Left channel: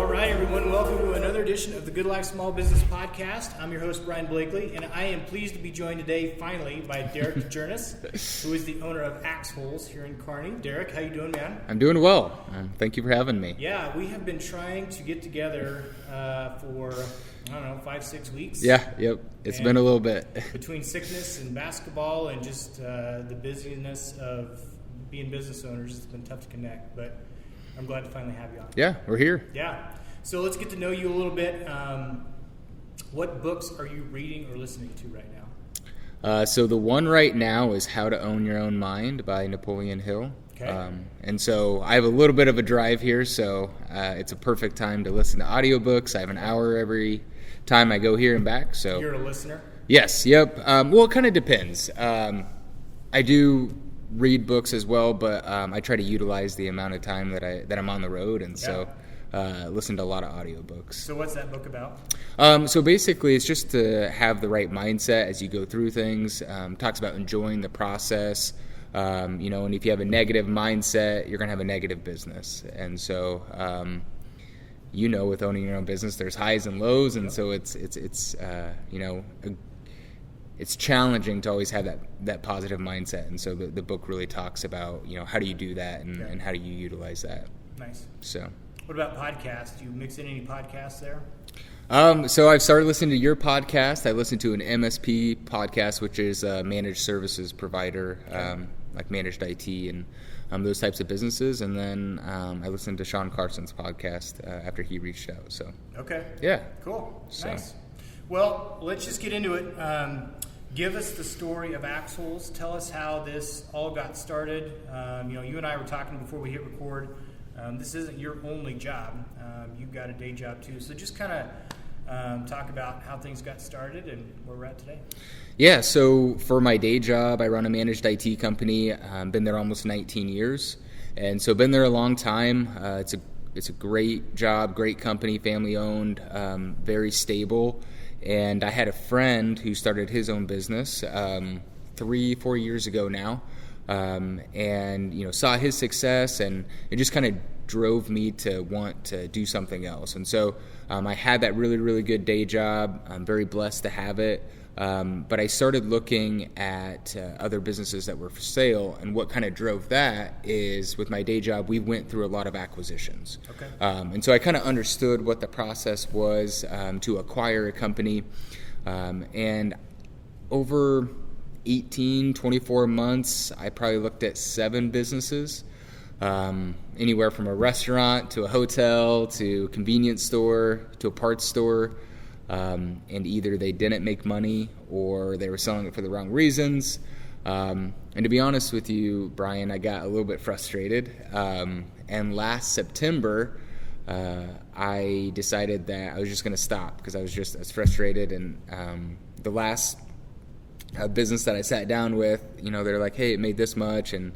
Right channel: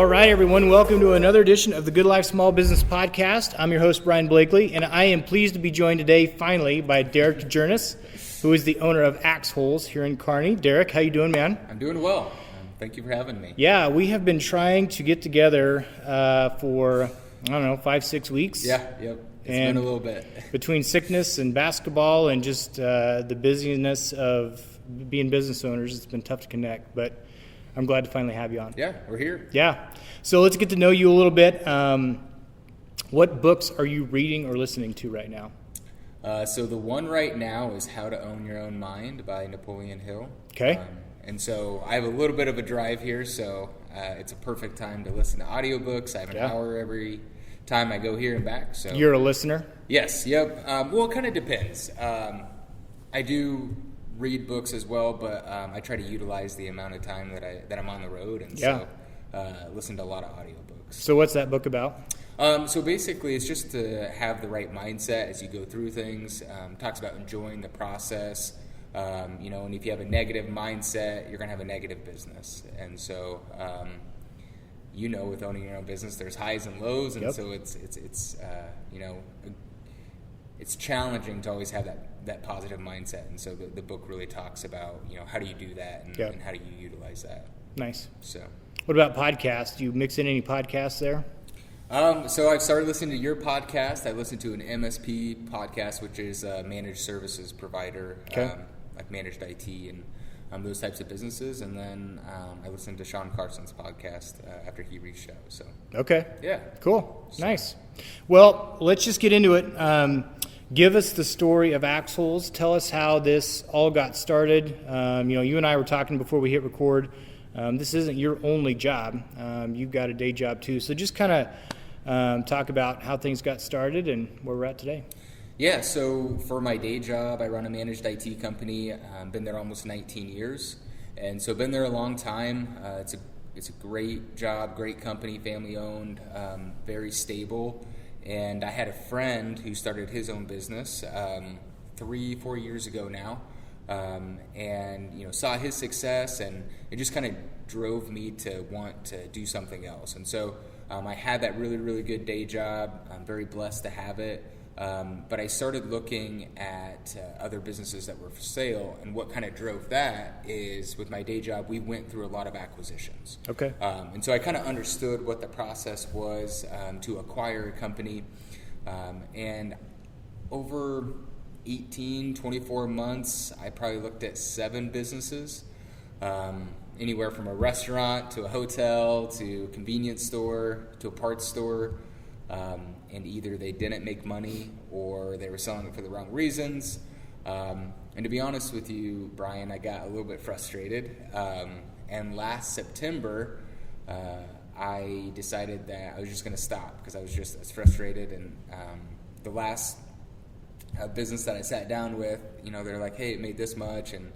All right, everyone, welcome to another edition of the Good Life Small Business Podcast. I'm your host, Brian Blakely, and I am pleased to be joined today, finally, by Dereck Djernes, who is the owner of Axe Holes here in Kearney. Dereck, how you doing, man? I'm doing well. Thank you for having me. Yeah, we have been trying to get together for, 5-6 weeks. Yep. It's been a little bit. Between sickness and basketball and just the busyness of being business owners, it's been tough to connect, but I'm glad to finally have you on. Yeah, we're here. Yeah. So let's get to know you a little bit. What books are you reading or listening to right now? So the one right now is How to Own Your Own Mind by Napoleon Hill. Okay. And so I have a little bit of a drive here, so it's a perfect time to listen to audiobooks. I have an hour every time I go here and back. So you're a listener? Yes. Yep. Well, it kind of depends. I do read books as well, but I try to utilize the amount of time that I'm on the road, and so listen to a lot of audiobooks. So what's that book about? So basically, it's just to have the right mindset as you go through things. Talks about enjoying the process, and if you have a negative mindset, you're going to have a negative business. And so, with owning your own business, there's highs and lows, and so it's challenging to always have that positive mindset. And so the book really talks about, how do you do that and how do you utilize that. Nice. So what about podcasts? Do you mix in any podcasts there? So I've started listening to your podcast. I listen to an MSP podcast, which is a managed services provider, like managed IT and those types of businesses. And then I listened to Sean Carson's podcast after he reached out. So okay. Yeah. Cool. Nice. Well, let's just get into it. Give us the story of Axe Holes. Tell us how this all got started. You and I were talking before we hit record. This isn't your only job. You've got a day job too. So just kind of talk about how things got started and where we're at today. Yeah, so for my day job, I run a managed IT company. Been there almost 19 years. And so been there a long time. It's a great job, great company, family owned, very stable. And I had a friend who started his own business 3-4 years ago now, and saw his success, and it just kind of drove me to want to do something else. And so I had that really, really good day job. I'm very blessed to have it. But I started looking at other businesses that were for sale, and what kind of drove that is with my day job, we went through a lot of acquisitions. Okay. And so I kind of understood what the process was to acquire a company. And over 24 months, I probably looked at 7 businesses, anywhere from a restaurant to a hotel to a convenience store to a parts store. And either they didn't make money or they were selling it for the wrong reasons. And to be honest with you, Brian, I got a little bit frustrated. And last September, I decided that I was just going to stop because I was just as frustrated. And the last business that I sat down with, they're like, hey, it made this much. And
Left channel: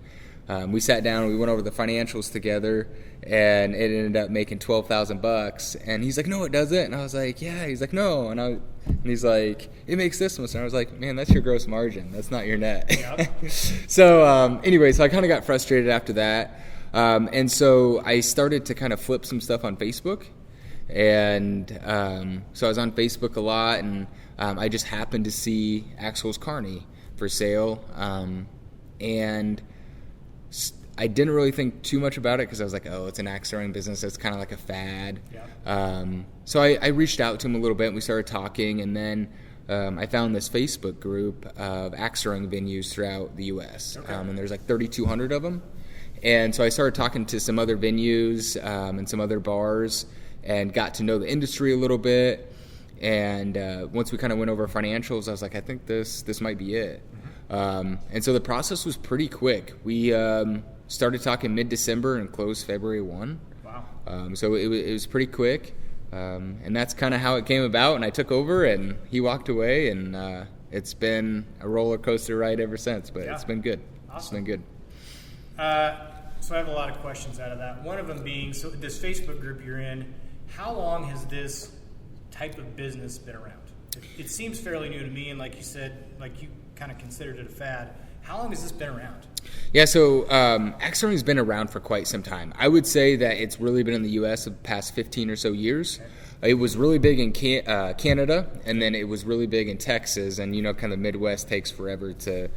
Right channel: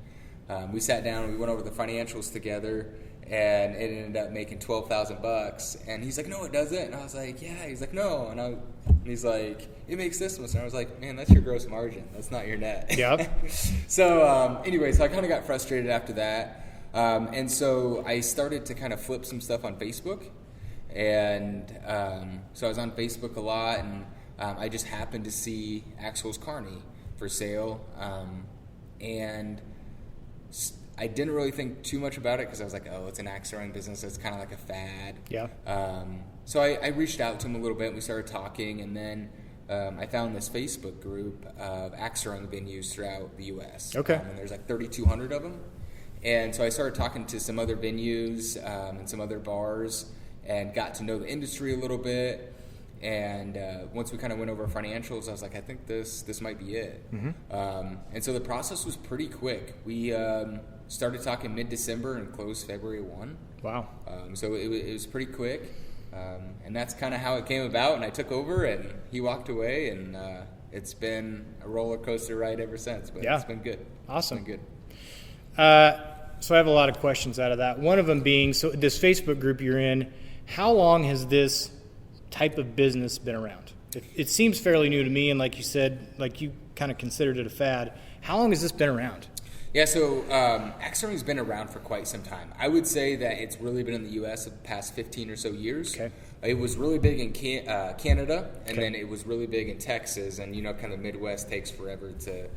we sat down and we went over the financials together, and it ended up making $12,000. And he's like, no, it doesn't. And I was like, yeah. He's like, no. And he's like, it makes this much. And I was like, man, that's your gross margin. That's not your net. Yep. So anyway, so I kind of got frustrated after that. And so I started to kind of flip some stuff on Facebook. And so I was on Facebook a lot, and I just happened to see Axe Holes Kearney for sale. And I didn't really think too much about it because I was like, oh, it's an axe throwing business. It's kind of like a fad. Yeah. So I reached out to him a little bit, and we started talking, and then I found this Facebook group of axe throwing venues throughout the U.S. Okay. And there's like 3,200 of them. And so I started talking to some other venues and some other bars and got to know the industry a little bit. And once we kind of went over financials, I was like, I think this might be it. Mm-hmm. And so the process was pretty quick. We started talking mid-December and closed February 1. Wow. So it was pretty quick. And that's kind of how it came about. And I took over, and he walked away, and it's been a roller coaster ride ever since. But it's been good. Awesome. It's been good. So I have a lot of questions out of that. One of them being, so this Facebook group you're in, how long has this type of business been around? It seems fairly new to me, and like you said, like you kind of considered it a fad. How long has this been around? Yeah, so axe throwing has been around for quite some time. I would say that it's really been in the U.S. the past 15 or so years. Okay. It was really big in Canada, and then it was really big in Texas, and kind of Midwest takes forever to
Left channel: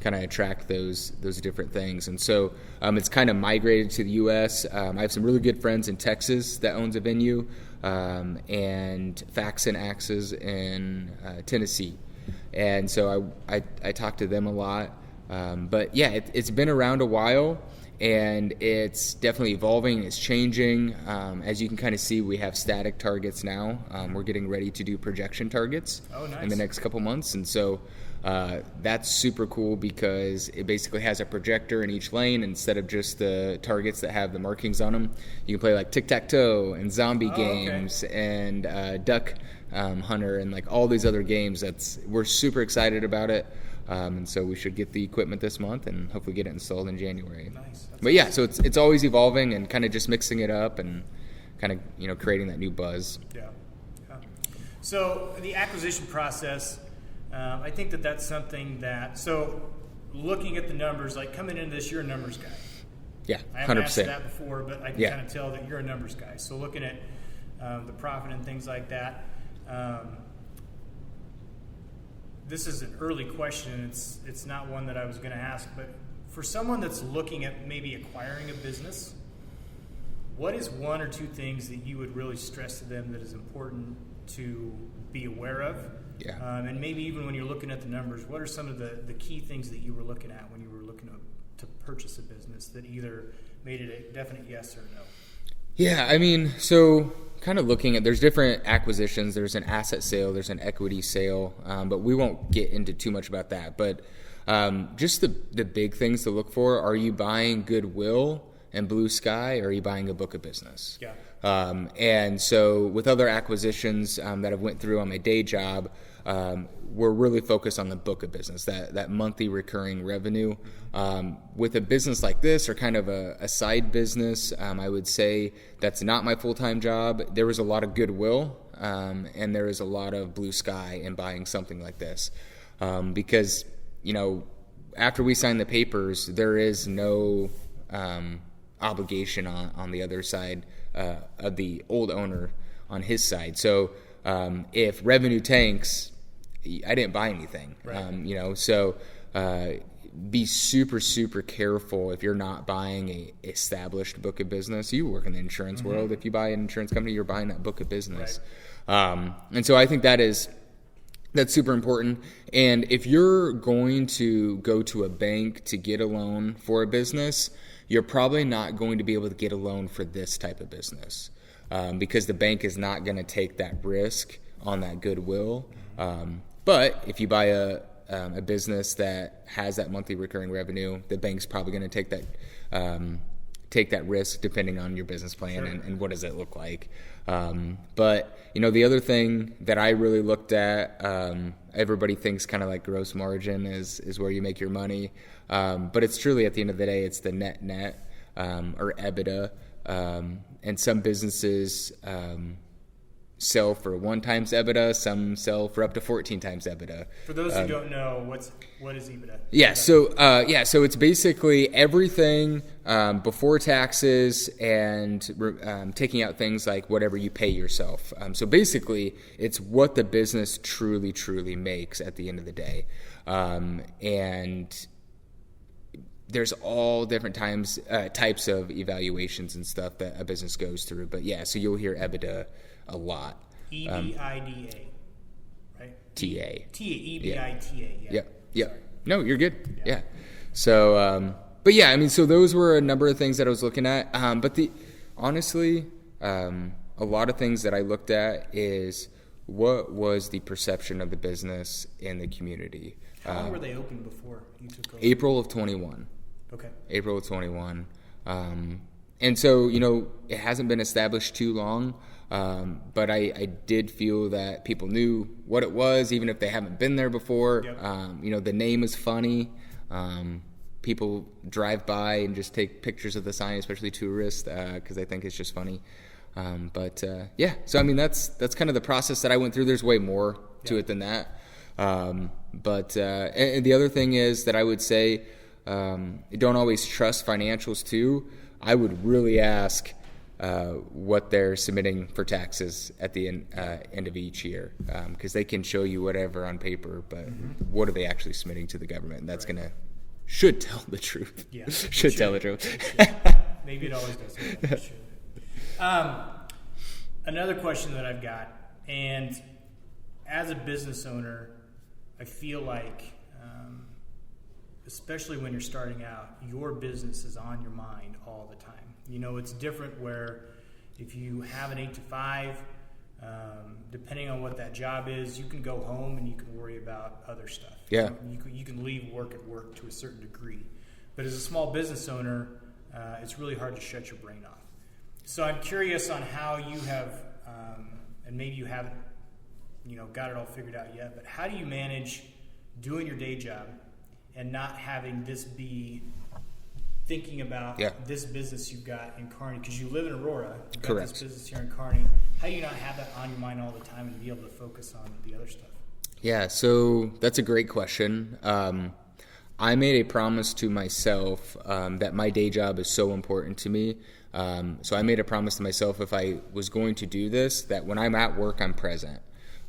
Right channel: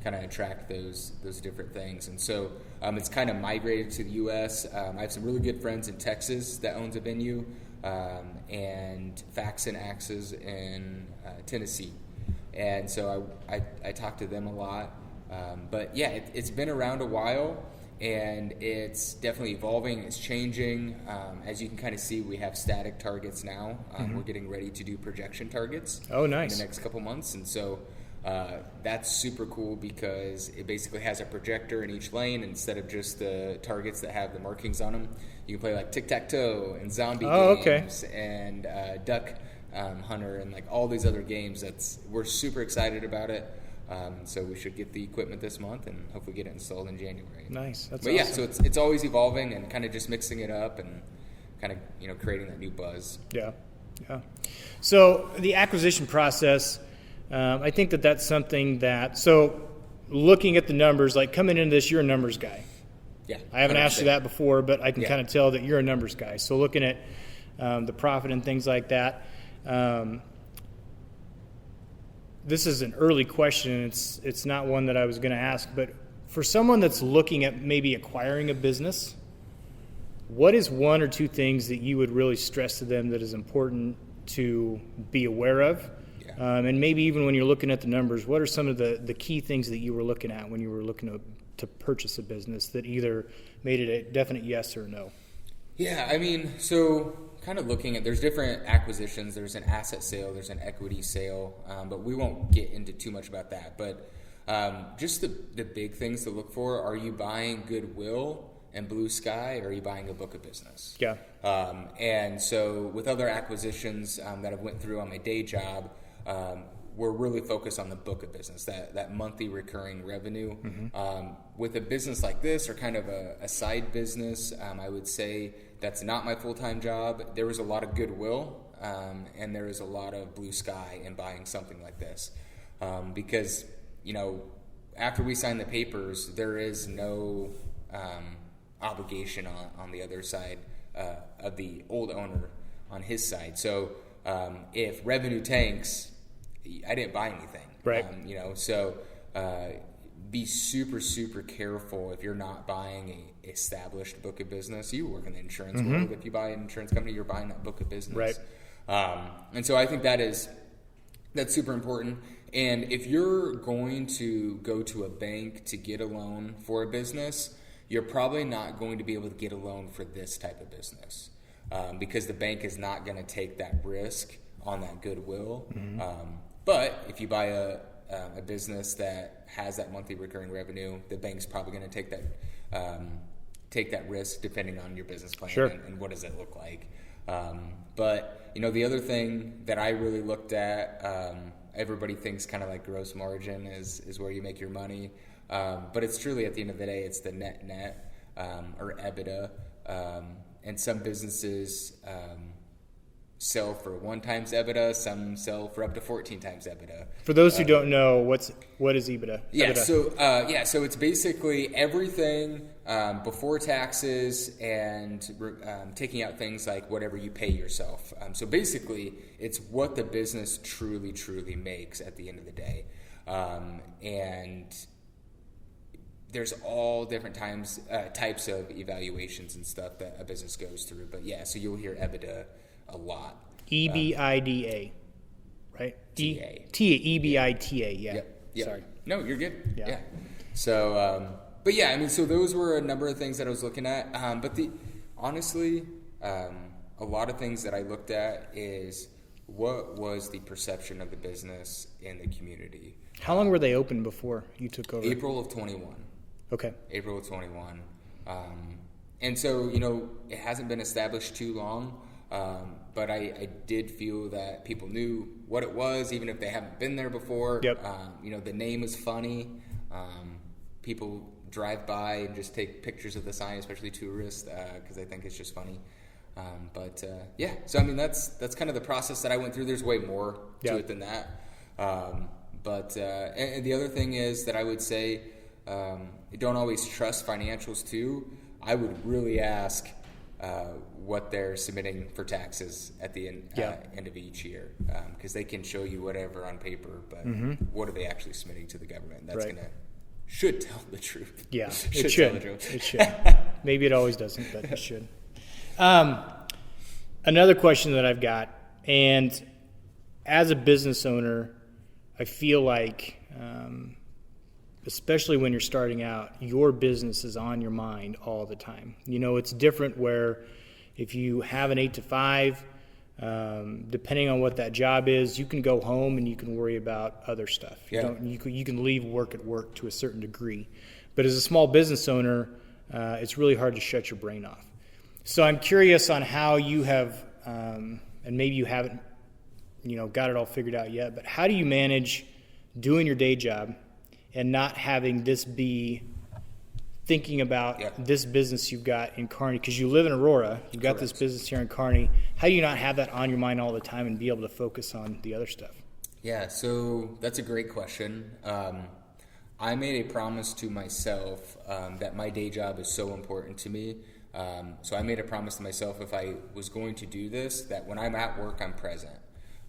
kind of attract those different things. And so it's kind of migrated to the U.S. I have some really good friends in Texas that owns a venue, and Faxon Axes in Tennessee. And so I talk to them a lot. But yeah, it's been around a while, and it's definitely evolving. It's changing. As you can kind of see, we have static targets now. We're getting ready to do projection targets. Oh, nice. In the next couple months. And so that's super cool because it basically has a projector in each lane instead of just the targets that have the markings on them. You can play like tic-tac-toe and zombie games and duck hunter and like all these other games. We're super excited about it. And so we should get the equipment this month and hopefully get it installed in January. Nice. That's but awesome. Yeah, so it's always evolving and kind of just mixing it up and kind of creating that new buzz. Yeah. So the acquisition process, I think that's something that, so looking at the numbers, like coming into this, you're a numbers guy. Yeah, I haven't 100%. asked you that before, but I can kind of tell that you're a numbers guy. So looking at the profit and things like that, this is an early question. It's not one that I was going to ask, but for someone that's looking at maybe acquiring a business, what is one or two things that you would really stress to them that is important to be aware of? Yeah. And maybe even when you're looking at the numbers, what are some of the key things that you were looking at when you were looking to purchase a business that either made it a definite yes or no? Yeah, I mean, so kind of looking at, there's different acquisitions. There's an asset sale, there's an equity sale, but we won't get into too much about that. But just the big things to look for, are you buying goodwill and blue sky, or are you buying a book of business? Yeah. And so with other acquisitions that I've went through on my day job, we're really focused on the book of business, that monthly recurring revenue. Mm-hmm. With a business like this, or kind of a side business, I would say that's not my full-time job. There was a lot of goodwill, and there is a lot of blue sky in buying something like this. Because, after we sign the papers, there is no obligation on the other side of the old owner on his side. So if revenue tanks, I didn't buy anything, right? So be super, super careful if you're not buying a established book of business. You work in the insurance Mm-hmm. world. If you buy an insurance company, you're buying that book of business. Right. And so I think that's super important. And if you're going to go to a bank to get a loan for a business, you're probably not going to be able to get a loan for this type of business because the bank is not going to take that risk on that goodwill. Mm-hmm. But if you buy a business that has that monthly recurring revenue, the bank's probably going to take that risk depending on your business plan. Sure. And what does it look like. But the other thing that I really looked at, everybody thinks kind of like gross margin is where you make your money. But it's truly, at the end of the day, it's the net or EBITDA. And some businesses sell for 1 times EBITDA, some sell for up to 14 times EBITDA. For those who don't know, what is EBITDA? Yeah, so it's basically everything before taxes and taking out things like whatever you pay yourself. So basically, it's what the business truly, truly makes at the end of the day. And there's all different types of evaluations and stuff that a business goes through. But yeah, so you'll hear EBITDA a lot. EBITDA, right? TA. EBITDA, yeah. Yep. Sorry. No, you're good. Yeah. Yeah. So, but yeah, I mean, so those were a number of things that I was looking at. But honestly, a lot of things that I looked at is what was the perception of the business in the community. How long were they open before you took over? April of 21. Okay. April of 21. And so, it hasn't been established too long, but I did feel that people knew what it was, even if they haven't been there before. Yep. The name is funny. People drive by and just take pictures of the sign, especially tourists, because they think it's just funny. Yeah, so I mean, that's kind of the process that I went through. There's way more to it than that. And the other thing is that I would say, don't always trust financials too, I would really ask what they're submitting for taxes at the end of each year, because they can show you whatever on paper, but what are they actually submitting to the government? And that's should tell the truth. Yeah, should tell the truth. It should. Maybe it always doesn't, but it should. Another question that I've got, and as a business owner, I feel like, especially when you're starting out, your business is on your mind all the time. You know, it's different where if you have an 8 to 5, depending on what that job is, you can go home and you can worry about other stuff. Yeah. You can leave work at work to a certain degree. But as a small business owner, it's really hard to shut your brain off. So I'm curious on how you have, and maybe you haven't, got it all figured out yet, but how do you manage doing your day job and not having this be thinking about this business you've got in Kearney? Because you live in Aurora, you've got this business here in Kearney. How do you not have that on your mind all the time and be able to focus on the other stuff? Yeah, so that's a great question. I made a promise to myself that my day job is so important to me. So I made a promise to myself, if I was going to do this, that when I'm at work, I'm present.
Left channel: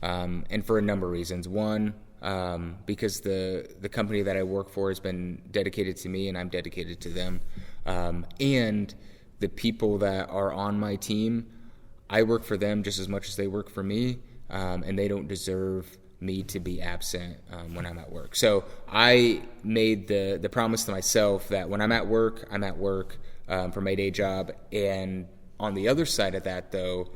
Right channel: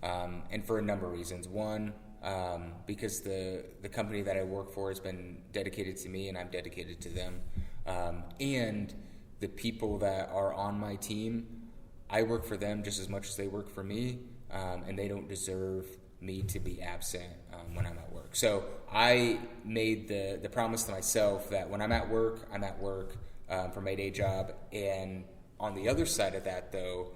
And for a number of reasons. One, because the company that I work for has been dedicated to me and I'm dedicated to them. And the people that are on my team, I work for them just as much as they work for me, and they don't deserve me to be absent when I'm at work. So I made the promise to myself that when I'm at work for my day job. And on the other side of that, though,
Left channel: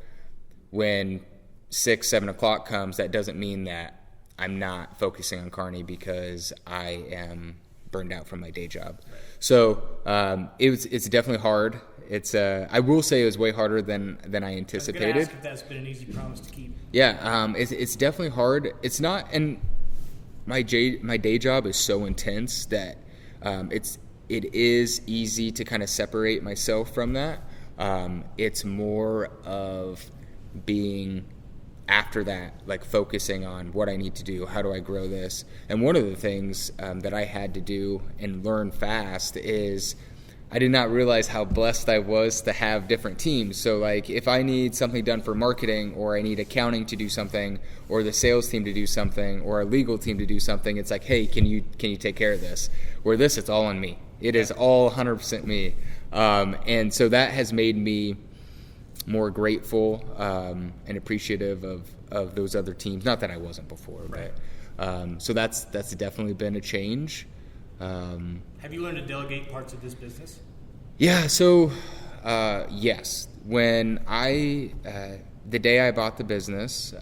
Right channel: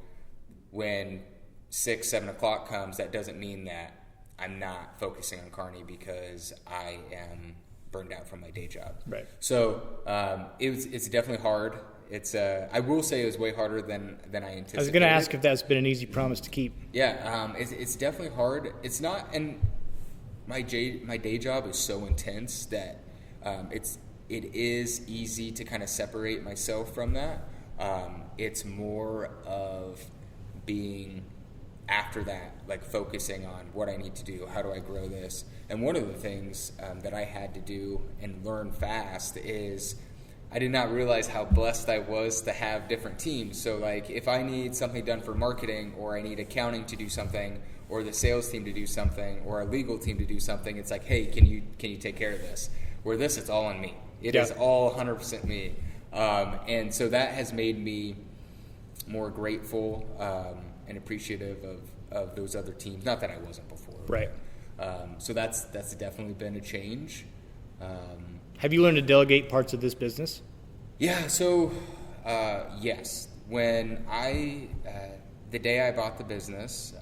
when 6, 7 o'clock comes, that doesn't mean that I'm not focusing on Kearney because I am burned out from my day job. Right. So it's definitely hard. I will say it was way harder than I anticipated. I was going to ask if that's been an easy promise to keep. Yeah, it's definitely hard. It's not, and my day job is so intense that it is easy to kind of separate myself from that. It's more of being after that, like focusing on what I need to do, how do I grow this. And one of the things that I had to do and learn fast is I did not realize how blessed I was to have different teams. So like if I need something done for marketing, or I need accounting to do something, or the sales team to do something, or a legal team to do something, it's like, hey, can you take care of this? Where this, it's all on me. It is all 100% me. And so that has made me more grateful and appreciative of those other teams. Not that I wasn't before. Right. But, so that's definitely been a change. Have you learned to delegate parts of this business? Yeah. So, yes. When the day I bought the business,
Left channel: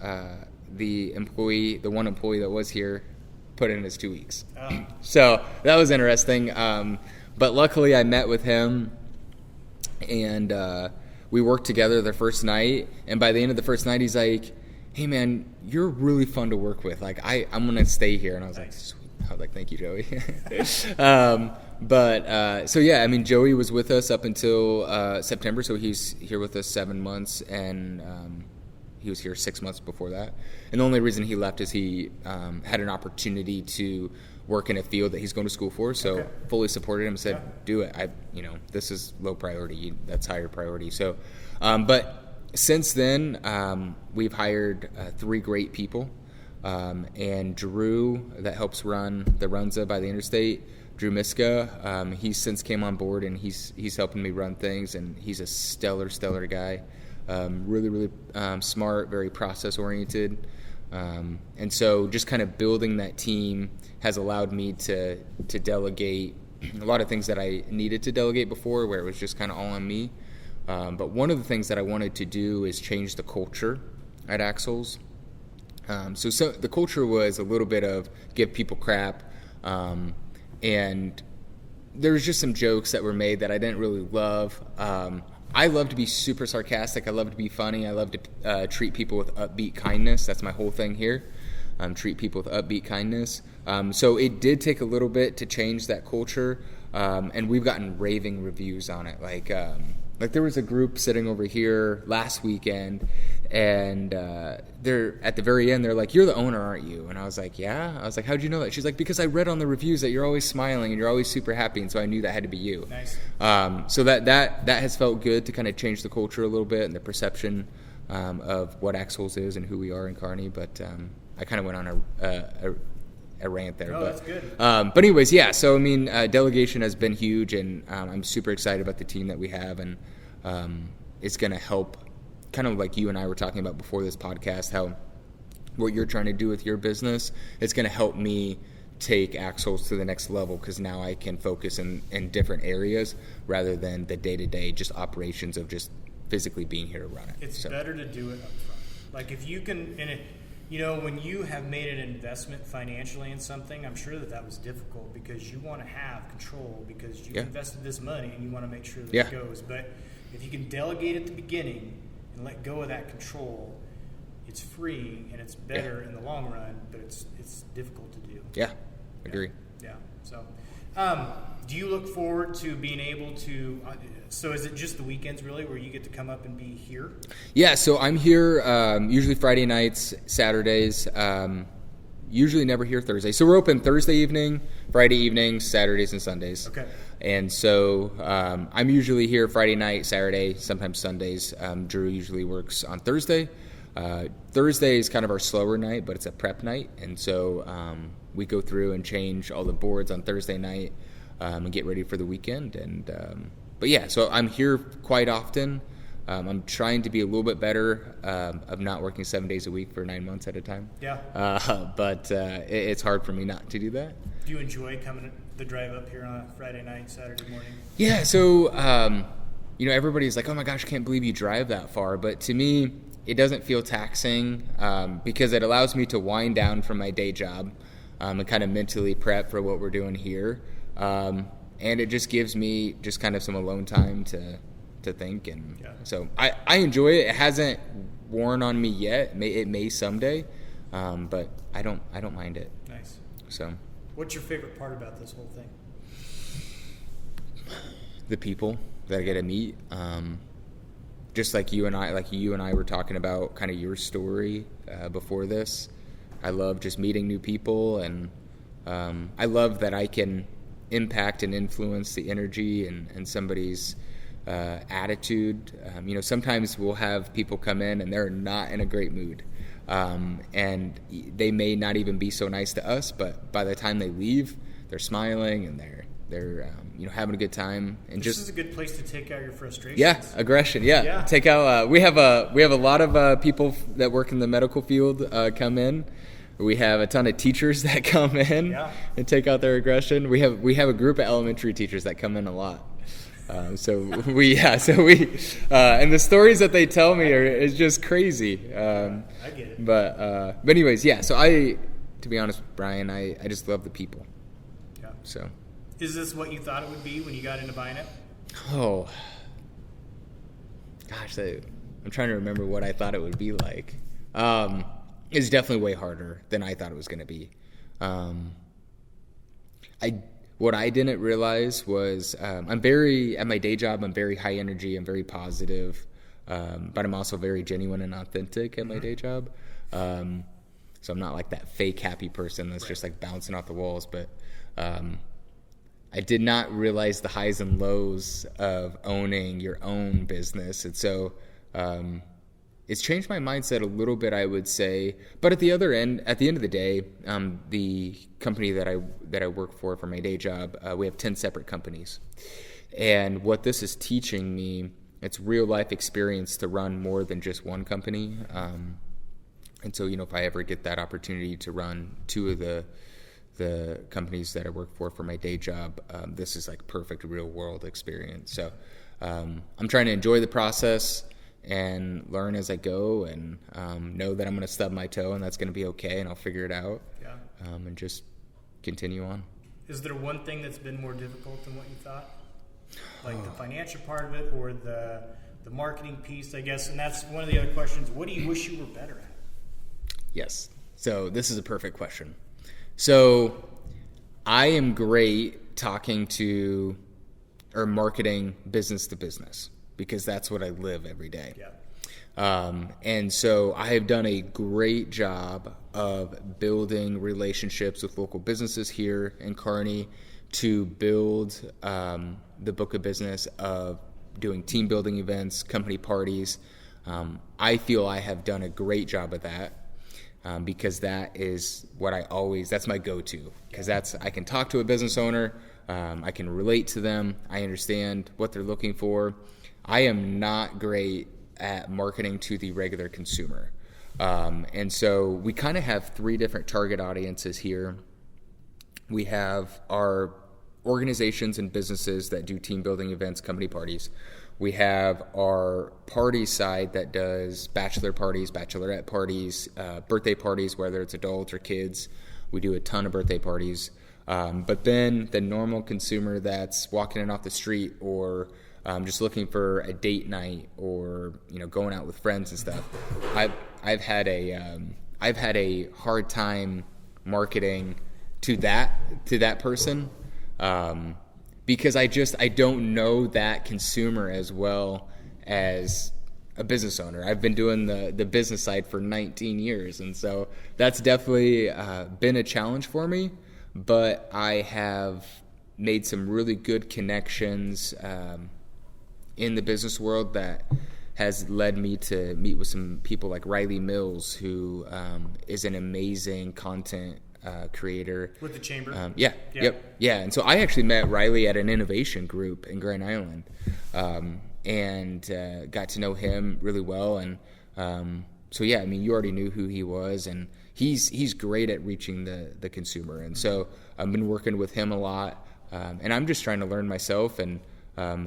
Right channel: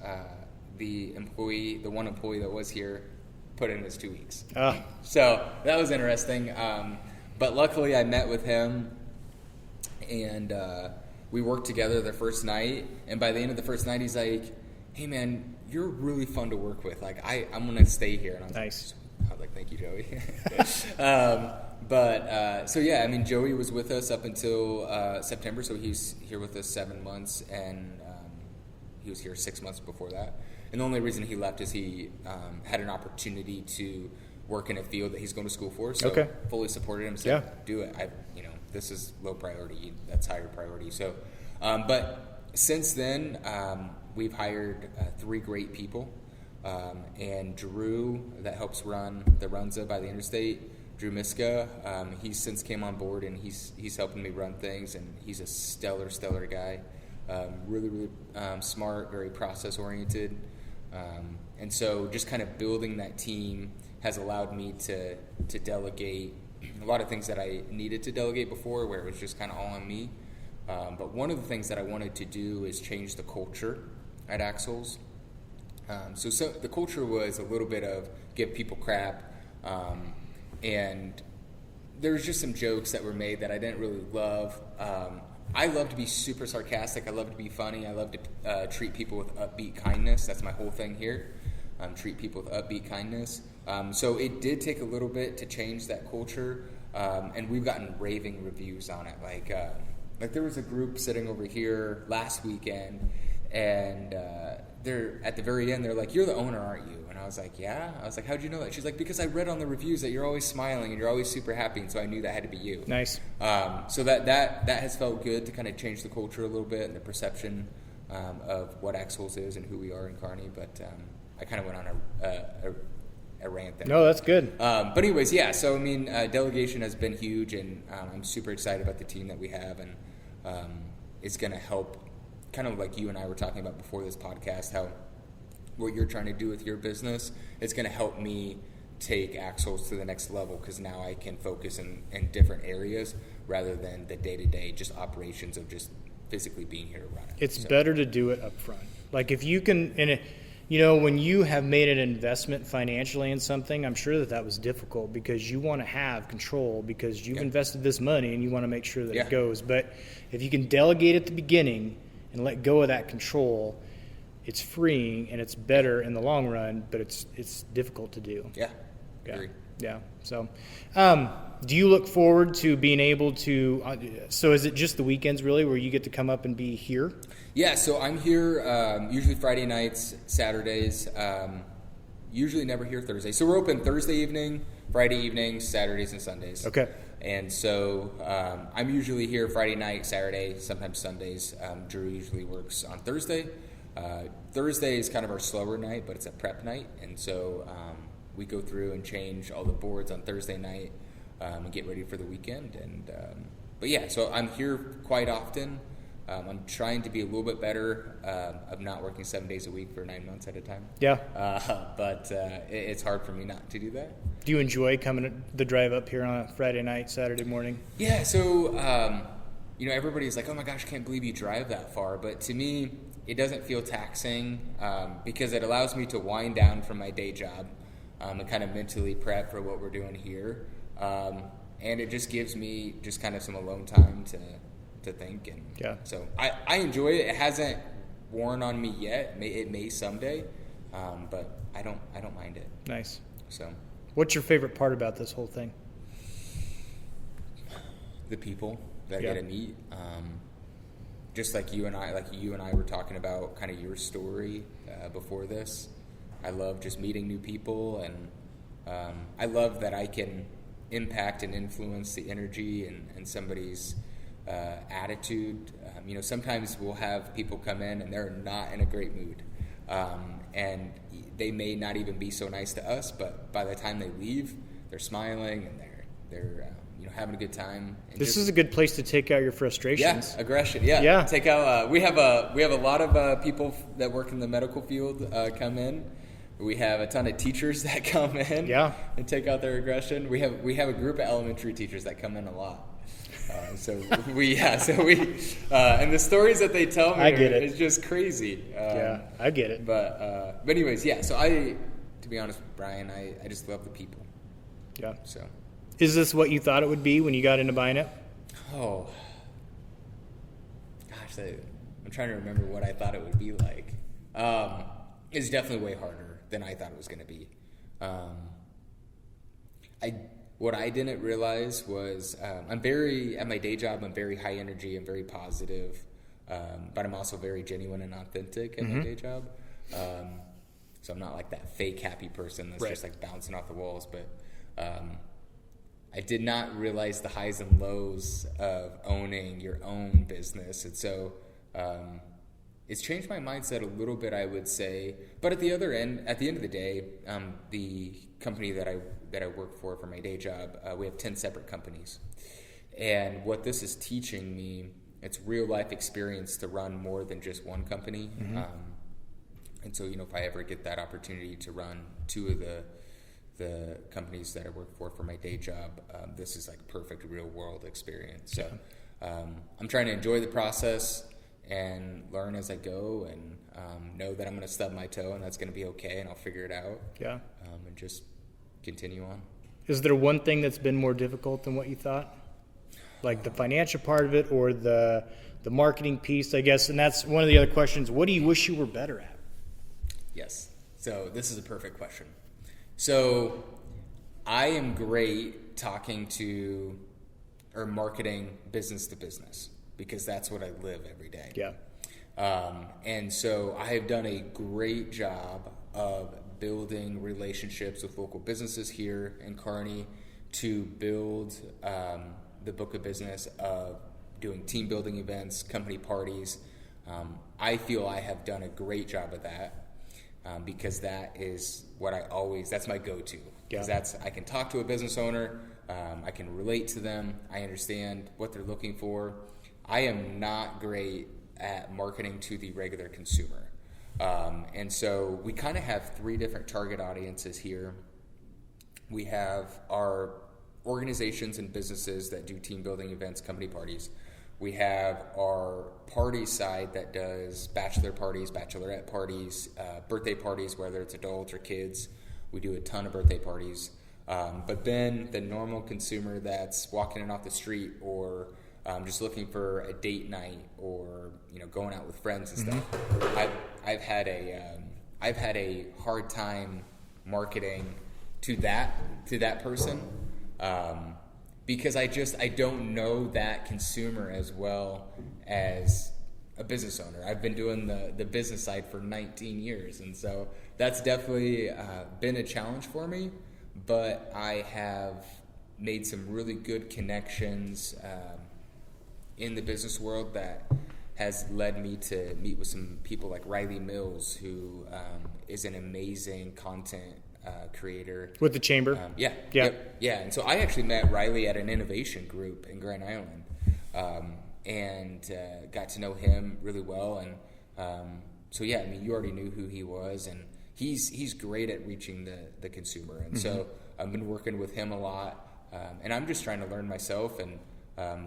the one employee that was here put in his 2 weeks. So that was interesting. But luckily I met with him and we worked together the first night. And by the end of the first night, he's like, hey man, you're really fun to work with. Like I'm going to stay here. And I was like, sweet. I was like, thank you, Joey. So yeah, I mean, Joey was with us up until September. So he's here with us 7 months, and he was here 6 months before that. And the only reason he left is he had an opportunity to work in a field that he's going to school for. So fully supported him, said, do it. This is low priority. That's higher priority. So, but since then, we've hired 3 great people. And Drew, that helps run the Runza by the interstate, Drew Miska, he's since came on board, and he's helping me run things, and he's a stellar guy. Really smart, very process oriented. And so just kind of building that team has allowed me to delegate a lot of things that I needed to delegate before, where it was just kind of all on me. But one of the things that I wanted to do is change the culture at Axles. So the culture was a little bit of give people crap, and there was just some jokes that were made that I didn't really love. I love to be super sarcastic. I love to be funny. I love to treat people with upbeat kindness. That's my whole thing here. Treat people with upbeat kindness. So it did take a little bit to change that culture, and we've gotten raving reviews on it. Like there was a group sitting over here last weekend, And they're at the very end, they're like, "You're the owner, aren't you?" And I was like, "Yeah." I was like, "How'd you know that?" She's like, "Because I read on the reviews that you're always smiling and you're always super happy, and so I knew that had to be you." Nice. So that has felt good to kind of change the culture a little bit and the perception of what Axles is and who we are in Kearney. But I kind of went on a rant there. No, that's good. But anyways, yeah. So I mean, delegation has been huge, and I'm super excited about the team that we have, and it's going to help. Kind of like you and I were talking about before this podcast, how what you're trying to do with your business, it's going to help me take Axles to the next level, because now I can focus in different areas rather than the day-to-day just operations of just physically being here to run it. It's better to do it up front. Like if you can, when you have made an investment financially in something, I'm sure that was difficult because you want to have control, because you've invested this money and you want to make sure that it goes. But if you can delegate at the beginning and let go of that control, it's freeing and it's better in the long run, but it's difficult to do. Yeah, agree. Yeah. So, do you look forward to being able to, so is it just the weekends really where you get to come up and be here? Yeah, so I'm here usually Friday nights, Saturdays, usually never here Thursday. So we're open Thursday evening, Friday evenings, Saturdays, and Sundays. Okay. And so I'm usually here Friday night, Saturday, sometimes Sundays. Drew usually works on Thursday. Thursday is kind of our slower night, but it's a prep night. And so we go through and change all the boards on Thursday night and get ready for the weekend. And but yeah, so I'm here quite often. I'm trying to be a little bit better of not working 7 days a week for 9 months at a time. Yeah. But it's hard for me not to do that. Do you enjoy coming the drive up here on a Friday night, Saturday morning? Yeah, so, everybody's like, "Oh my gosh, I can't believe you drive that far." But to me, it doesn't feel taxing because it allows me to wind down from my day job and kind of mentally prep for what we're doing here. And it just gives me just kind of some alone time to think. And so I enjoy it. It hasn't worn on me yet. It may someday, but I don't mind it. Nice. So. What's your favorite part about this whole thing? The people that I get to meet. Just like you and I were talking about kind of your story before this. I love just meeting new people, and I love that I can impact and influence the energy and somebody's attitude. Sometimes we'll have people come in and they're not in a great mood. And they may not even be so nice to us, but by the time they leave, they're smiling and they're having a good time. And this is a good place to take out your frustrations. Yeah, aggression. Yeah. Take out. We have a lot of people that work in the medical field come in. We have a ton of teachers that come in and take out their aggression. We have a group of elementary teachers that come in a lot. And the stories that they tell me is just crazy. I get it. But anyways, so to be honest, Brian, I just love the people. Yeah. So, is this what you thought it would be when you got into buying it? Oh, gosh, I'm trying to remember what I thought it would be like. It's definitely way harder than I thought it was going to be. What I didn't realize was at my day job, I'm very high energy, I'm very positive, but I'm also very genuine and authentic at my day job. So I'm not like that fake happy person that's just like bouncing off the walls, but I did not realize the highs and lows of owning your own business. And so it's changed my mindset a little bit, I would say. But at the end of the day, the company that I work for my day job, we have 10 separate companies. And what this is teaching me, it's real life experience to run more than just one company. And so, if I ever get that opportunity to run two of the companies that I work for my day job, this is like perfect real world experience. So I'm trying to enjoy the process and learn as I go, and know that I'm going to stub my toe and that's going to be okay, and I'll figure it out. And just continue on. Is there one thing that's been more difficult than what you thought? Like the financial part of it, or the marketing piece, I guess? And that's one of the other questions. What do you wish you were better at? Yes. So this is a perfect question. So I am great talking to or marketing business to business, because that's what I live every day. And so I have done a great job of building relationships with local businesses here in Kearney to build the book of business of doing team building events, company parties. I feel I have done a great job of that because that is what that's my go-to. Because I can talk to a business owner, I can relate to them, I understand what they're looking for. I am not great at marketing to the regular consumer. And so we kind of have 3 different target audiences here. We have our organizations and businesses that do team building events, company parties. We have our party side that does bachelor parties, bachelorette parties, birthday parties, whether it's adults or kids. We do a ton of birthday parties. But then the normal consumer that's walking in off the street or just looking for a date night or going out with friends and stuff. I've had a hard time marketing to that person because I don't know that consumer as well as a business owner. I've been doing the business side for 19 years, and so that's definitely been a challenge for me. But I have made some really good connections in the business world that has led me to meet with some people like Riley Mills, who is an amazing content creator. With the chamber? Yeah. And so I actually met Riley at an innovation group in Grand Island and got to know him really well. And so, yeah, I mean, you already knew who he was, and he's great at reaching the consumer. And so I've been working with him a lot, and I'm just trying to learn myself and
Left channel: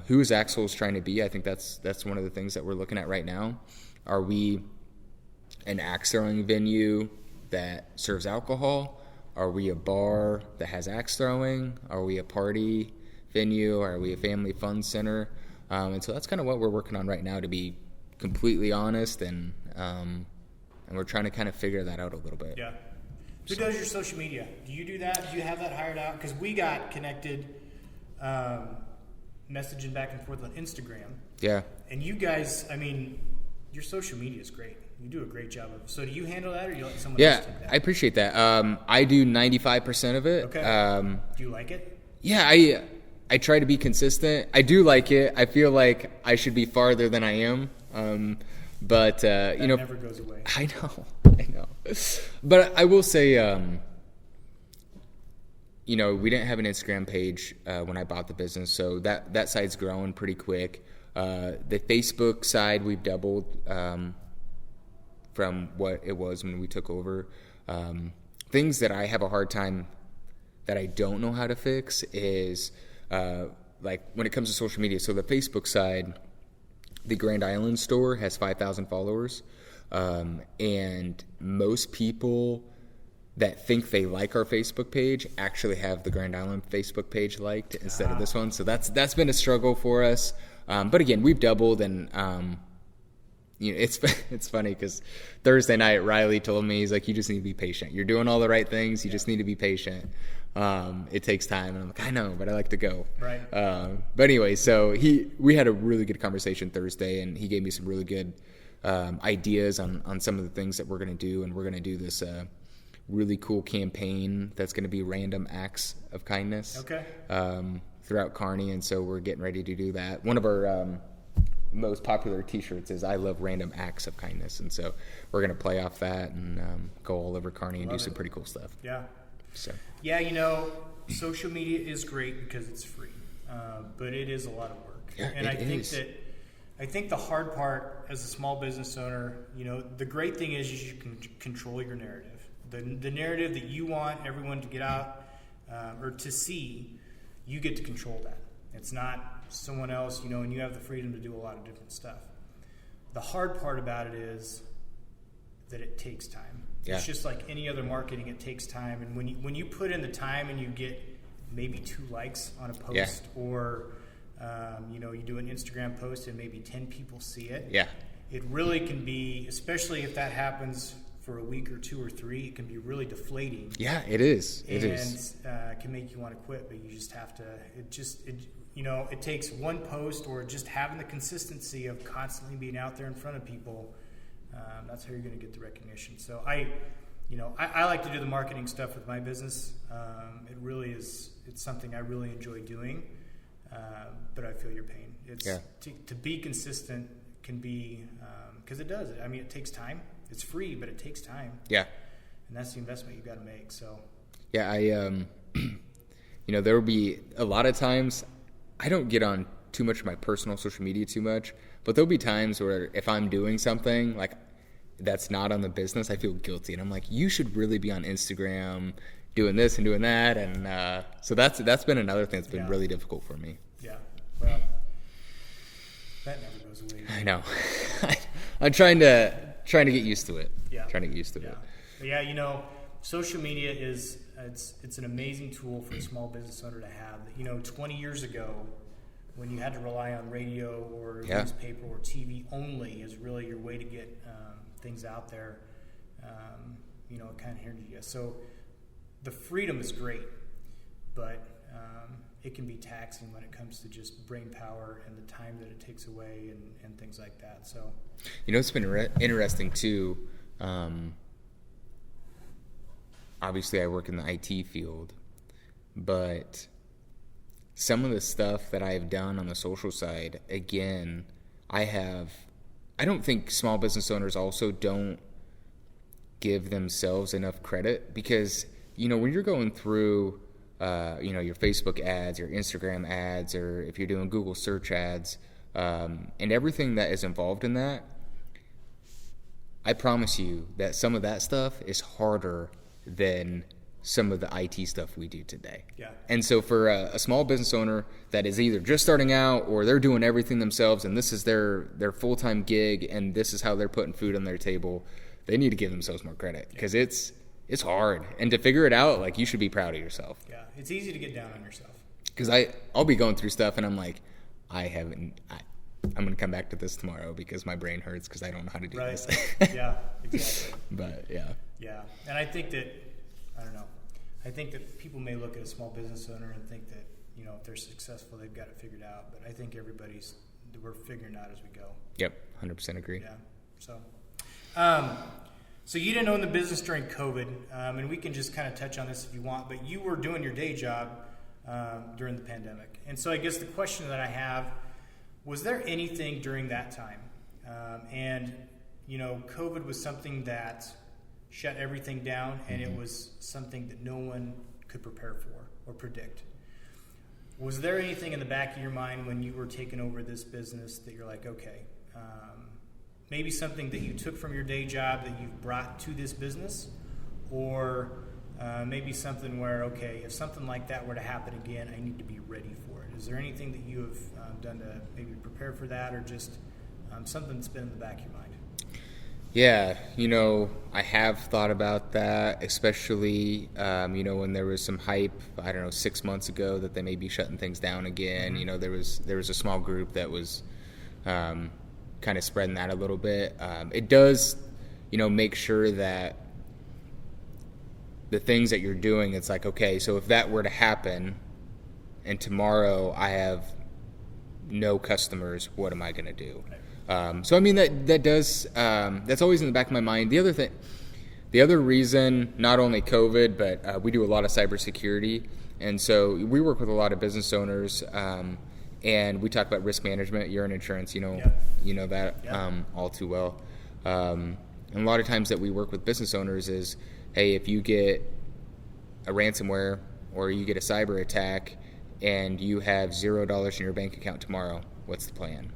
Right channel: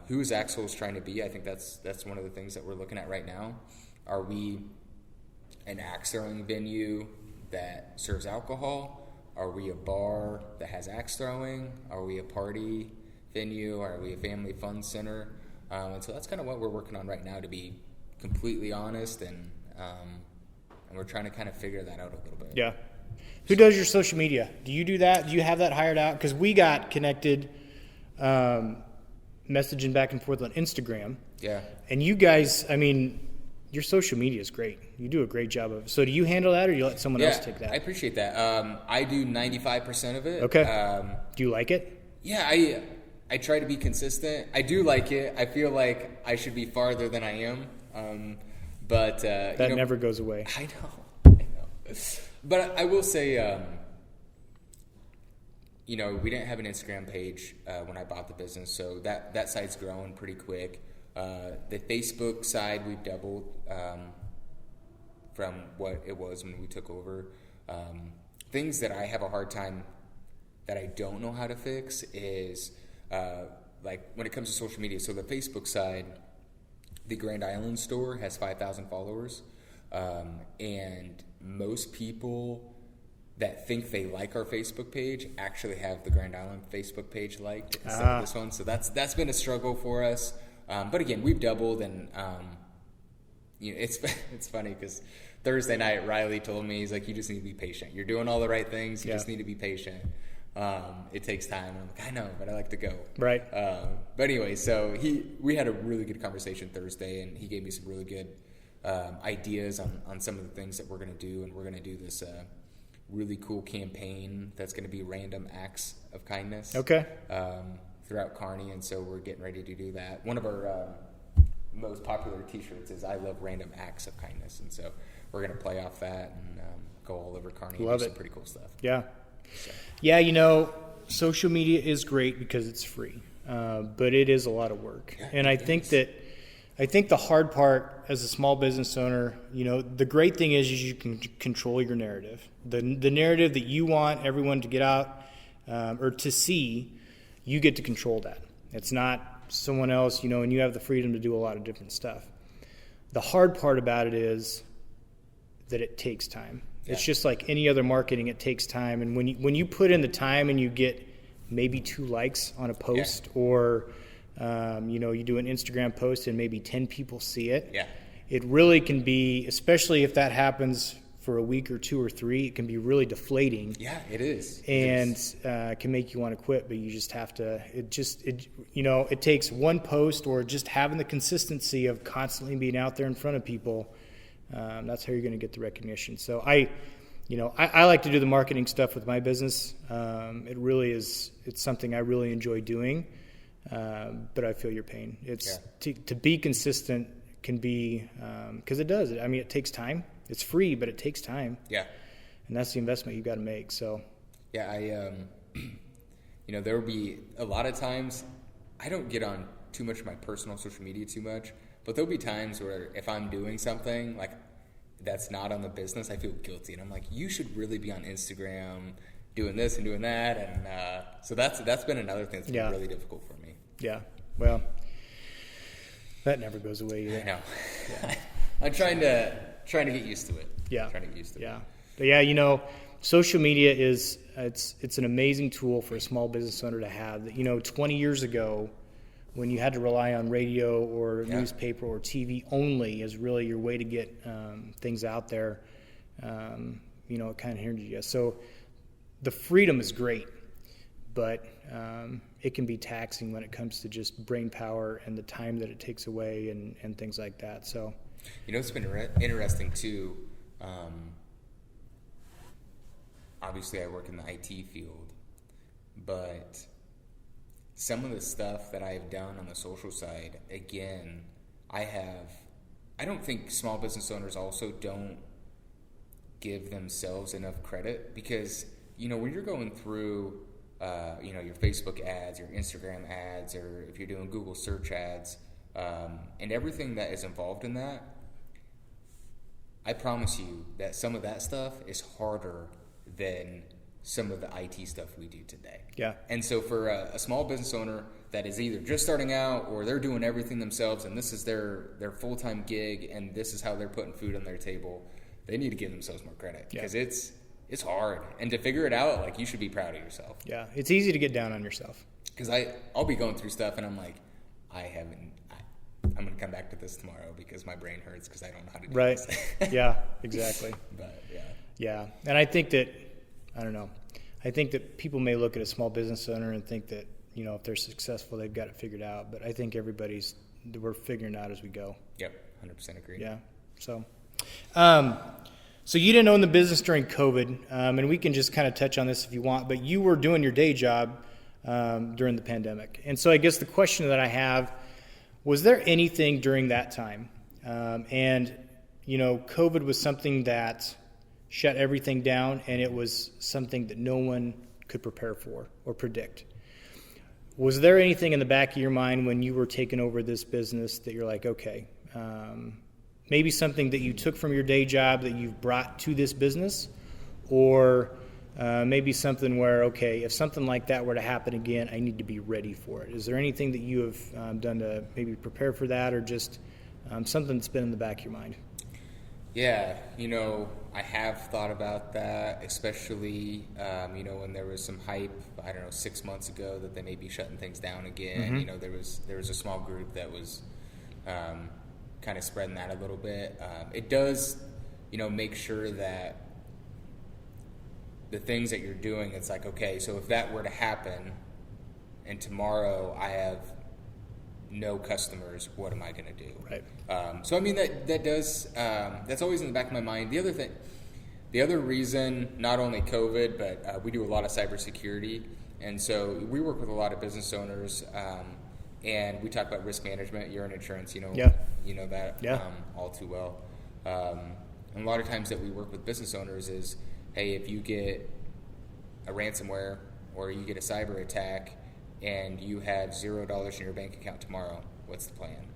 who is Axel's trying to be. I think that's one of the things that we're looking at right now. Are we an axe throwing venue that serves alcohol? Are we a bar that has axe throwing? Are we a party venue? Are we a family fun center? And so that's kind of what we're working on right now, to be completely honest, and we're trying to kind of figure that out a little bit. Yeah. Who does your social media? Do you do that? Do you have that hired out? Because we got connected messaging back and forth on Instagram. Yeah. And you guys, I mean, your social media is great. You do a great job of it. So do you handle that, or do you let someone else take that? I appreciate that. I do 95% of it. Okay. Do you like it? Yeah, I try to be consistent. I do like it. I feel like I should be farther than I am. But that never goes away. I know. But I will say, we didn't have an Instagram page when I bought the business, so that side's growing pretty quick. The Facebook side, we've doubled from what it was when we took over. Things that I have a hard time that I don't know how to fix is like when it comes to social media. So the Facebook side, the Grand Island store has 5,000 followers, and most people that think they like our Facebook page actually have the Grand Island Facebook page liked instead of this one. So that's been a struggle for us. But again, we've doubled, and it's funny because Thursday night Riley told me, he's like, you just need to be patient. You're doing all the right things. You just need to be patient. It takes time. And I'm like, I know, but I like to go. Right. But anyway, so we had a really good conversation Thursday, and he gave me some really good ideas on some of the things that we're going to do. And we're going to do this really cool campaign that's going to be random acts of kindness. Okay. Throughout Kearney, and so we're getting ready to do that. One of our most popular T-shirts is "I love random acts of kindness," and so we're going to play off that and go all over Kearney and do some pretty cool stuff. Yeah. So. Yeah, social media is great because it's free, but it is a lot of work. Yeah, and I think the hard part as a small business owner, the great thing is you can control your narrative. The narrative that you want everyone to get out or to see, you get to control that. It's not someone else, and you have the freedom to do a lot of different stuff. The hard part about it is that it takes time. Yeah. It's just like any other marketing, it takes time. And when you put in the time and you get maybe 2 likes on a post, or you do an Instagram post and maybe 10 people see it, it really can be, especially if that happens for a week or 2 or 3, it can be really deflating. Yeah, it is. Can make you want to quit, but you just have to, it takes one post or just having the consistency of constantly being out there in front of people. That's how you're going to get the recognition. So I like to do the marketing stuff with my business. It really is, it's something I really enjoy doing. But I feel your pain. To be consistent can be, because it does. I mean, it takes time. It's free, but it takes time. Yeah. And that's the investment you got to make. So. Yeah, there will be a lot of times, I don't get on too much of my personal social media too much, but there'll be times where if I'm doing something like that's not on the business, I feel guilty. And I'm like, you should really be on Instagram doing this and doing that. And so that's been another thing that's been really difficult for me. Yeah. Well, that never goes away either. I know. I'm trying to get used to it. Yeah. Trying to get used to it. But yeah, social media it's an amazing tool for a small business owner to have. 20 years ago, when you had to rely on radio or newspaper or TV only as really your way to get things out there, it kind of hindered you. So the freedom is great, but it can be taxing when it comes to just brain power and the time that it takes away and things like that. So, it's been interesting too. Obviously, I work in the IT field, but some of the stuff that I've done on the social side, again, I don't think small business owners also don't give themselves enough credit because, when you're going through, your Facebook ads, your Instagram ads, or if you're doing Google search ads, and everything that is involved in that, I promise you that some of that stuff is harder than some of the IT stuff we do today. Yeah. And so for a small business owner that is either just starting out or they're doing everything themselves and this is their full-time gig and this is how they're putting food on their table, they need to give themselves more credit because it's hard. And to figure it out, like, you should be proud of yourself. Yeah. It's easy to get down on yourself. Because I'll be going through stuff and I'm like, I'm going to come back to this tomorrow because my brain hurts because I don't know how to do this. Yeah, exactly. But, yeah. Yeah. And I think that, I think that people may look at a small business owner and think that, if they're successful, they've got it figured out. But I think we're figuring it out as we go. Yep, 100% agree. Yeah. So you didn't own the business during COVID, and we can just kind of touch on this if you want, but you were doing your day job during the pandemic. And so I guess the question that I have, was there anything during that time? COVID was something that shut everything down, and it was something that no one could prepare for or predict. Was there anything in the back of your mind when you were taking over this business that you're like, okay, maybe something that you took from your day job that you've brought to this business, or maybe something where, okay, if something like that were to happen again, I need to be ready for it? Is there anything that you have done to maybe prepare for that, or just something that's been in the back of your mind? Yeah, I have thought about that, especially, when there was some hype, 6 months ago that they may be shutting things down again. Mm-hmm. There was a small group that was kind of spreading that a little bit. It does, make sure that the things that you're doing, it's like, okay, so if that were to happen and tomorrow I have no customers, what am I going to do? Right. So that does, that's always in the back of my mind. The other reason, not only COVID, but we do a lot of cybersecurity, and so we work with a lot of business owners, and we talk about risk management. You're in insurance, you know that all too well. And a lot of times that we work with business owners is, hey, if you get a ransomware or you get a cyber attack and you have $0 in your bank account tomorrow, what's the plan?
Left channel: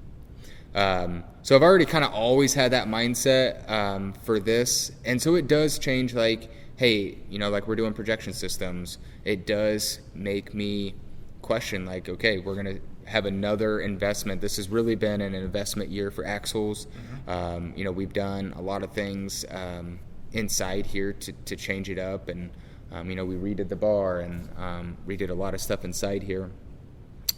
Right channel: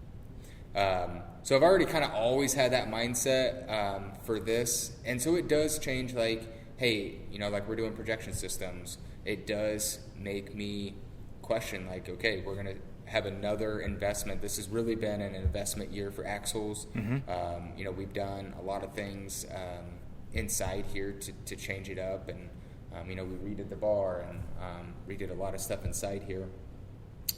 So I've already kind of always had that mindset for this. And so it does change, like, hey, like we're doing projection systems. It does make me question, like, okay, we're going to have another investment. This has really been an investment year for Axles. Mm-hmm. We've done a lot of things inside here to change it up. And, we redid the bar and redid a lot of stuff inside here.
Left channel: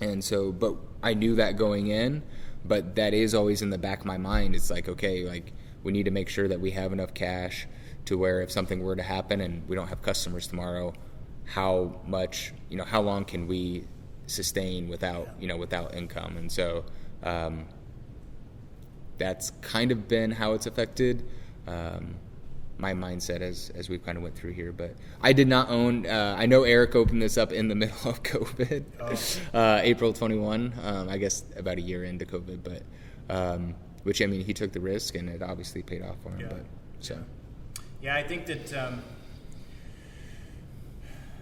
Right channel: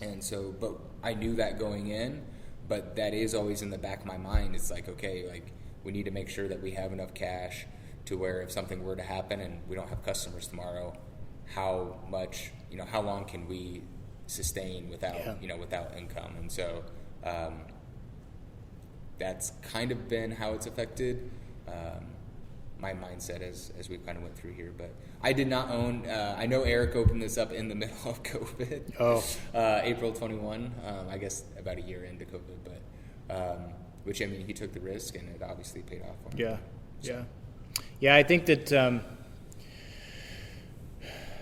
And so, but I knew that going in. But that is always in the back of my mind. It's like, okay, like we need to make sure that we have enough cash to where if something were to happen and we don't have customers tomorrow, how much, how long can we sustain without, without income? And so that's kind of been how it's affected my mindset as we've kind of went through here. But I did not own, I know Eric opened this up in the middle of COVID, April 21, I guess about a year into COVID, but which, I mean, he took the risk and it obviously paid off for him. Yeah, but, so. Yeah, I think that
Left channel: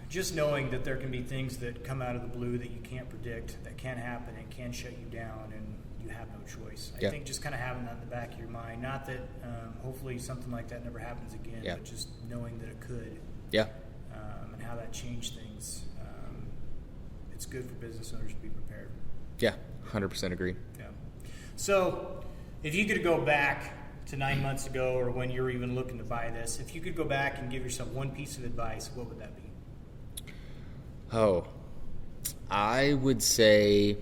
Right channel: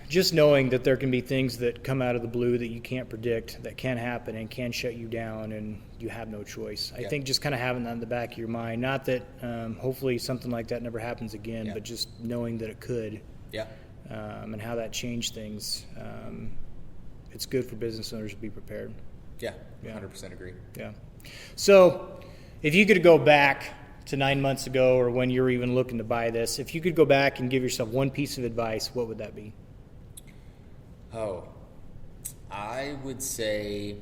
just knowing that there can be things that come out of the blue that you can't predict, that can happen and can shut you down, and you have no choice. I think just kind of having that in the back of your mind, not that hopefully something like that never happens again, but just knowing that it could, and how that changed things. It's good for business owners to be prepared. Yeah, 100% agree. Yeah. So if you could go back to 9 months ago, or when you were even looking to buy this, if you could go back and give yourself one piece of advice, what would that be? I would say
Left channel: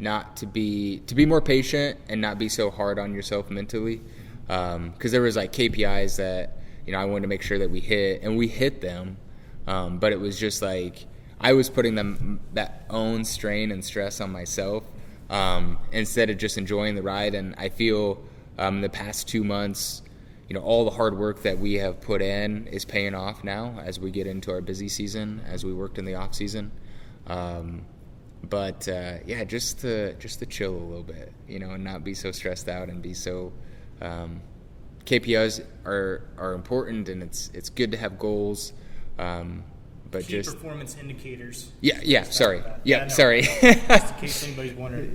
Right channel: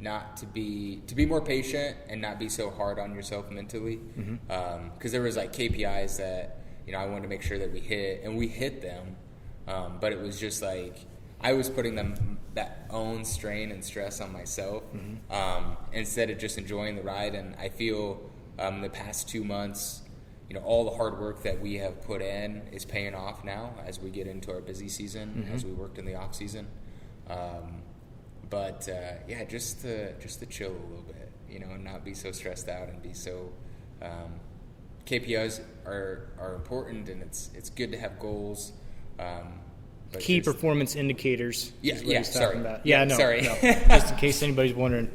to be more patient and not be so hard on yourself mentally. Because there was like KPIs that, I wanted to make sure that we hit, and we hit them. But it was just like, I was putting that own strain and stress on myself, instead of just enjoying the ride. And I feel, in the past 2 months, all the hard work that we have put in is paying off now as we get into our busy season, as we worked in the off season. But just to chill a little bit, and not be so stressed out and be so. KPIs are important, and it's good to have goals. But key performance indicators. Sorry. Sorry. Just in case anybody's wondering.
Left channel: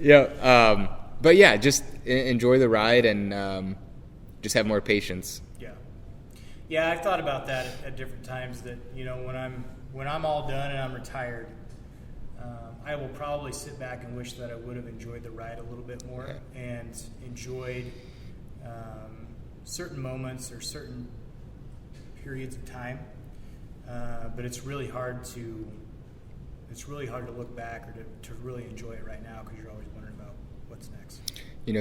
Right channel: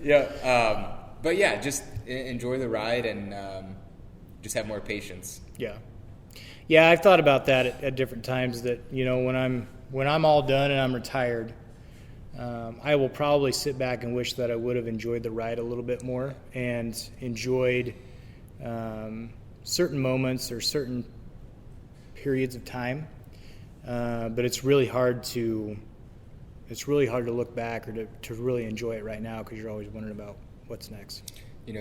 But just enjoy the ride and just have more patience. Yeah, I've thought about that at different times. That when I'm all done and I'm retired, I will probably sit back and wish that I would have enjoyed the ride a little bit more and enjoyed certain moments or certain periods of time. But it's really hard to look back or to really enjoy it right now, because you're always wondering about what's next.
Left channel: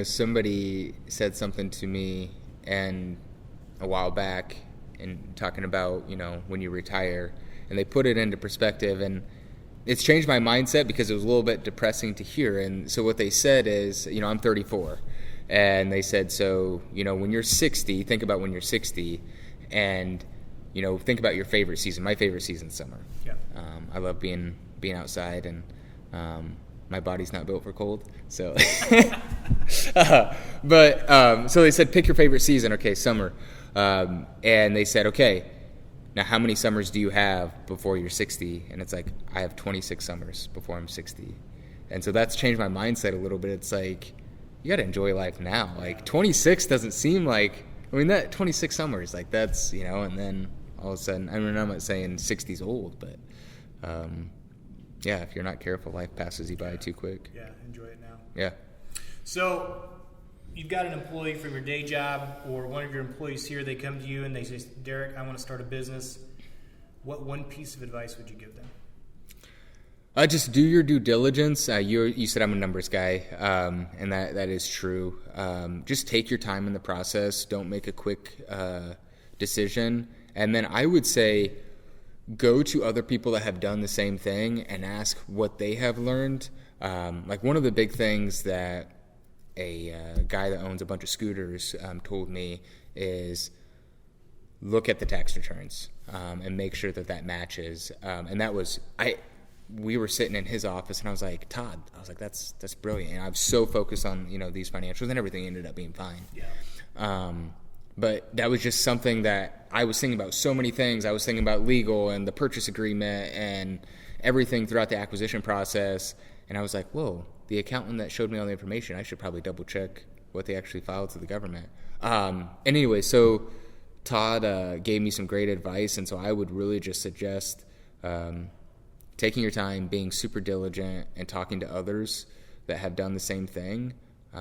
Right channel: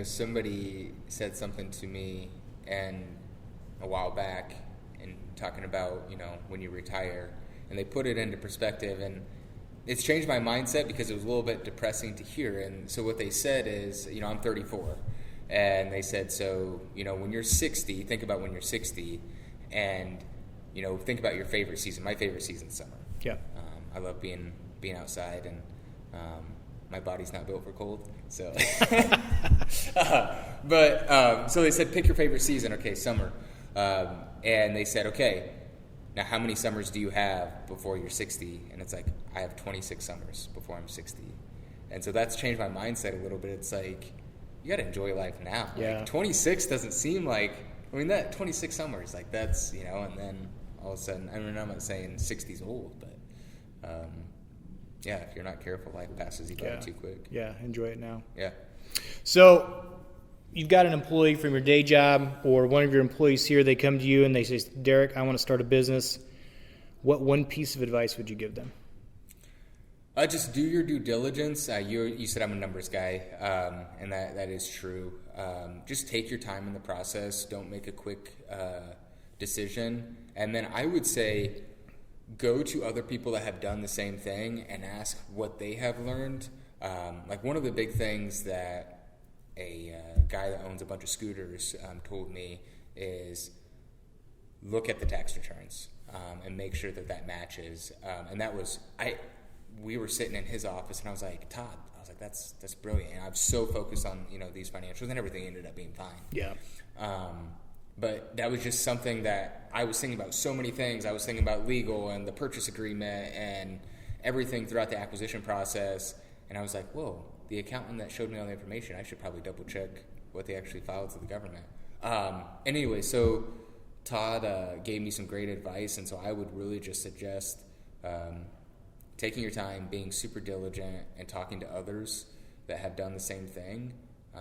Somebody said something to me and a while back, and talking about when you retire, and they put it into perspective, and it's changed my mindset because it was a little bit depressing to hear. And so what they said is, I'm 34, and they said, so when you're 60, think about when you're 60, and think about your favorite season. My favorite season's summer. I love being outside, and my body's not built for cold. So, so they said, pick your favorite season. Okay, summer. And they said, okay, now how many summers do you have before you're 60? And it's like, I have 26 summers before I'm 60. And so that's changed my mindset a little bit. It's like, you got to enjoy life now. Like 26 doesn't seem like, that 26 summers, like that's, and then all of a sudden, I'm not saying 60's old, but if you're not careful, life passes you by too quick. Enjoy it now. So you've got an employee from your day job, or one of your employees here, they come to you and they say, Dereck, I want to start a business. What one piece of advice would you give them? Just do your due diligence. You said I'm a numbers guy, and that is true. Just take your time in the process. Don't make a quick decision. And then I would say, go to other people that have done the same thing and ask what they have learned. Like one of the big things that a guy that owns a bunch of scooters told me is look at the tax returns and make sure that matches. And that was we were sitting in his office, and I was like, Todd, that's brilliant. And I was so focused on these financials, and everything ended up being fine. But that was just something that I was thinking about. So many things. I was thinking about legal and the purchase agreement and everything throughout the acquisition process. And I was like, whoa, the accountant that showed me all the information, I should probably double check what they actually filed to the government. And anyway, so Todd gave me some great advice. And so I would really just suggest taking your time, being super diligent, and talking to others that have done the same thing,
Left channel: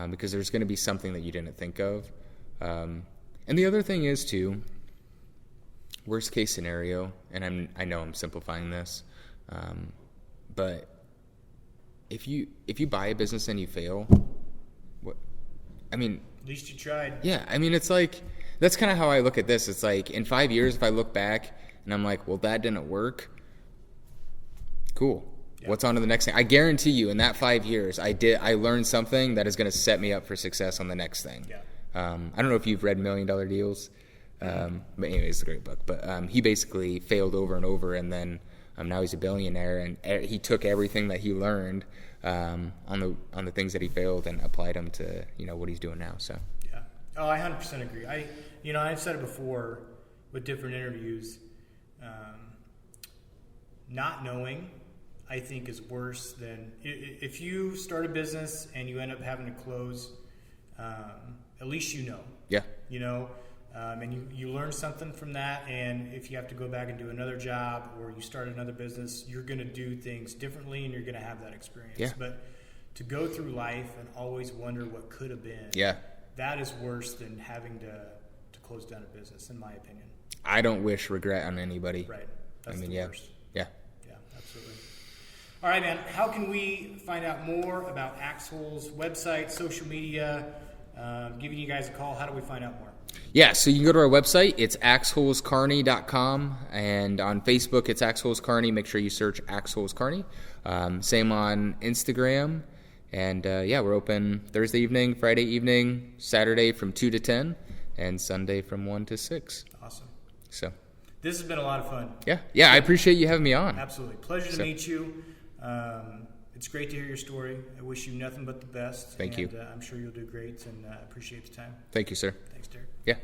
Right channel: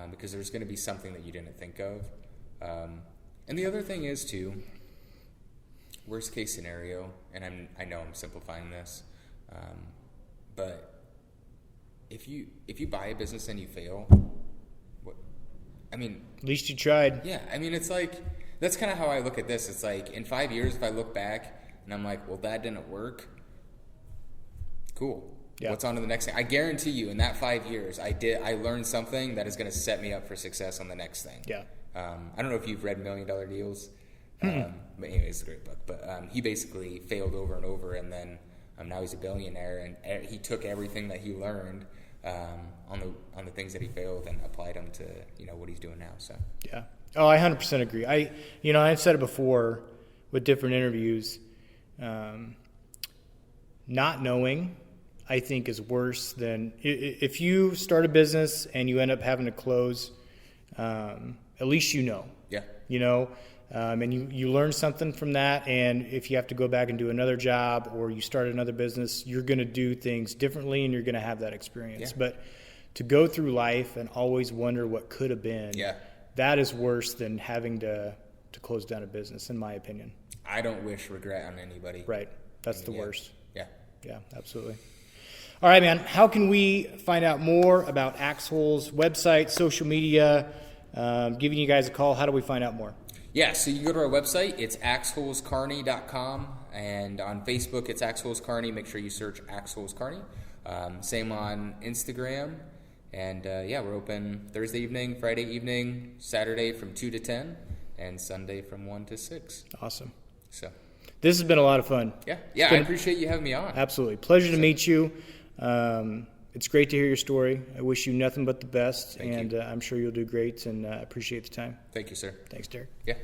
because there's going to be something that you didn't think of. And the other thing is, too, worst case scenario, and I know I'm simplifying this, but if you buy a business and you fail, at least you tried. Yeah, it's like That's kind of how I look at this. It's like in 5 years, if I look back and I'm like, well, that didn't work. Cool. Yeah. What's on to the next thing? I guarantee you in that 5 years, I learned something that is going to set me up for success on the next thing. Yeah. I don't know if you've read $1 Million Deals. But anyway, it's a great book. But he basically failed over and over, and then now he's a billionaire, and he took everything that he learned on the things that he failed and applied them to what he's doing now. So yeah. Oh, I 100% agree. I've said it before with different interviews. Not knowing, I think, is worse than if you start a business and you end up having to close. At least Yeah. And you learn something from that. And if you have to go back and do another job or you start another business, you're going to do things differently and you're going to have that experience. Yeah. But to go through life and always wonder what could have been, that is worse than having to close down a business, in my opinion. I don't wish regret on anybody. Right. That's the worst. Yeah. Yeah, absolutely. All right, man. How can we find out more about Axel's website, social media, giving you guys a call? How do we find out more? Yeah, so you can go to our website. It's axholeskearney.com, and on Facebook, it's Axholes Kearney. Make sure you search Axholes Kearney. Same on Instagram. And, we're open Thursday evening, Friday evening, Saturday from 2 to 10, and Sunday from 1 to 6. Awesome. So this has been a lot of fun. Yeah, I appreciate you having me on. Absolutely. Pleasure to meet you. It's great to hear your story. I wish you nothing but the best. Thank you. And I'm sure you'll do great, and appreciate the time. Thank you, sir. Thanks, Dereck. Yeah.